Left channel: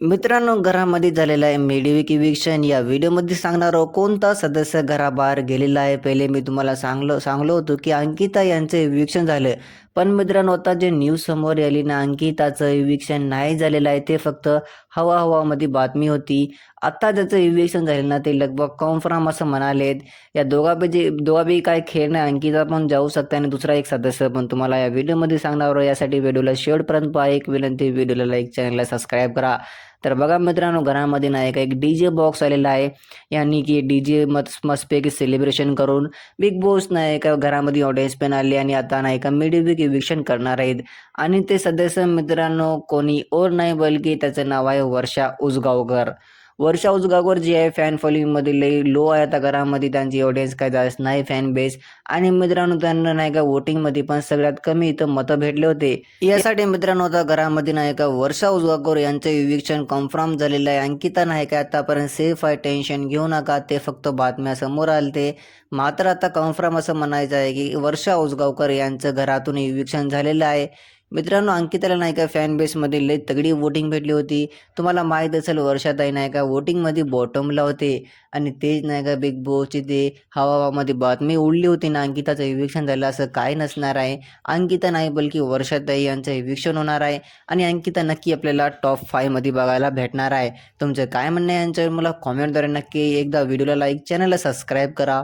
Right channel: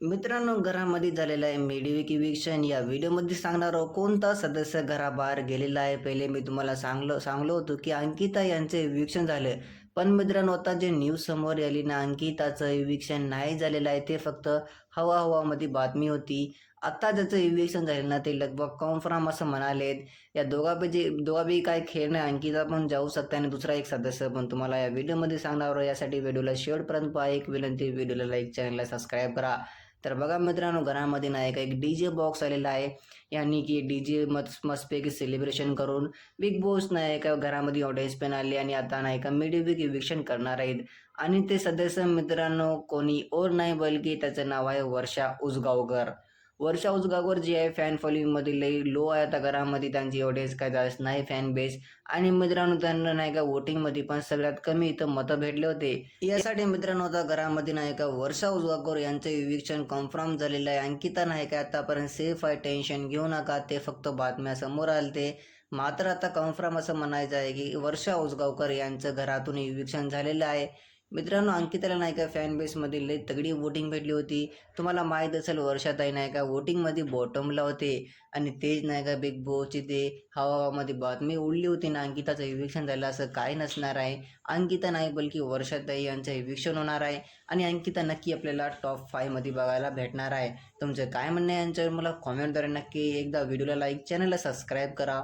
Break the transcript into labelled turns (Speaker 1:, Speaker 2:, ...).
Speaker 1: मित्रांनो घरामध्ये झालेला आहे मेडिविक इविक्शन या व्हिडिओमध्ये सांगणार आहोत कोणता सदस्य घराबाहेर गेलेला आहे? पहिले मी तुम्हाला सांगलो सांगलो होतो की अंकिता यांचं इविक्शन झालं. पण मित्रांनो आता जे न्यूज समोर आली ना अंकिताचं इविक्शन नाही झालेलं आहे ते फक्त हवा हवामध्ये बातमी होती. आत्ता ज्याचं इविक्शन झालं ना ते लगभग कॉन्फर्म असं म्हणालेत. या दोघापैकी दोघापैकी काय खेळ नाही. अंकिता पण जाऊ शकते आणि दुसरा एक सदस्य पण तुम्हाला या व्हिडिओमध्ये सांगणार यासाठी व्हिडिओला शेवटपर्यंत पहा. एक विनंती व्हिडिओला लाईक चॅनलला सबस्क्राईब करा. तर बघा मित्रांनो घरामध्ये नाही का एक डी जे बॉक्स आलेला आहे. यांनी की डी जे मस्त मस्तपैकी सेलिब्रेशन करून बिग बॉस नाही का घरामध्ये ऑडियन्स पण आले आणि आता नाही का मिडिबिक इव्हिक्शन करणार आहेत. आणि ते सदस्य मित्रांनो कोणी और नाही बल्कि त्याचं नाव आहे वर्षा उसगावकर. वर्षा उसगावकर जी आहे फॅन फॉलोईंगमध्ये लई लो आहे आता घरामध्ये. त्यांची ऑडियन्स काय जास्त नाही फॅन बेस आणि मित्रांनो त्यांना नाही का वोटिंगमध्ये पण सगळ्यात कमी इथं मतं भेटले होते. यासाठी मित्रांनो आता घरामध्ये नाही का वर्षा उजगावकर यांचं विवेक्षण कन्फर्म झालेलं आहे. अंकिता नाही का आतापर्यंत सेफ आहे टेन्शन घेऊ नका. ते फक्त बातम्या समोर आले ते मात्र आता कन्फर्म असं म्हणायचं आहे की वर्षा उजगावकर यांचं घरातून विवेक्षण झालेलं आहे. मित्रांनो अंकिताला नाही का फॅन बेसमध्ये लई तगडी वोटिंग भेटली होती. तुम्हाला माहीत असेल वर्षाताई नाही का वोटिंगमध्ये बॉटमला होते. आणि तेच नाही का बिग बॉसची ते हवामध्ये बातमी उडली होती ना अंकिताचं इव्हिक्शन झालं असं काय नसणार आहे. अंकिता नाही बल्कि वर्षाताई यांचं इव्हिक्शन होणार आहे. आणि अंकिता नक्की आपल्याला टॉप फायमध्ये बघायला भेटणार आहे. तुमचं काय म्हणणं आहे यांच्यावर मला कॉमेंटद्वारे नक्की एकदा व्हिडिओला लाईक चॅनलला सबस्क्राईब करा.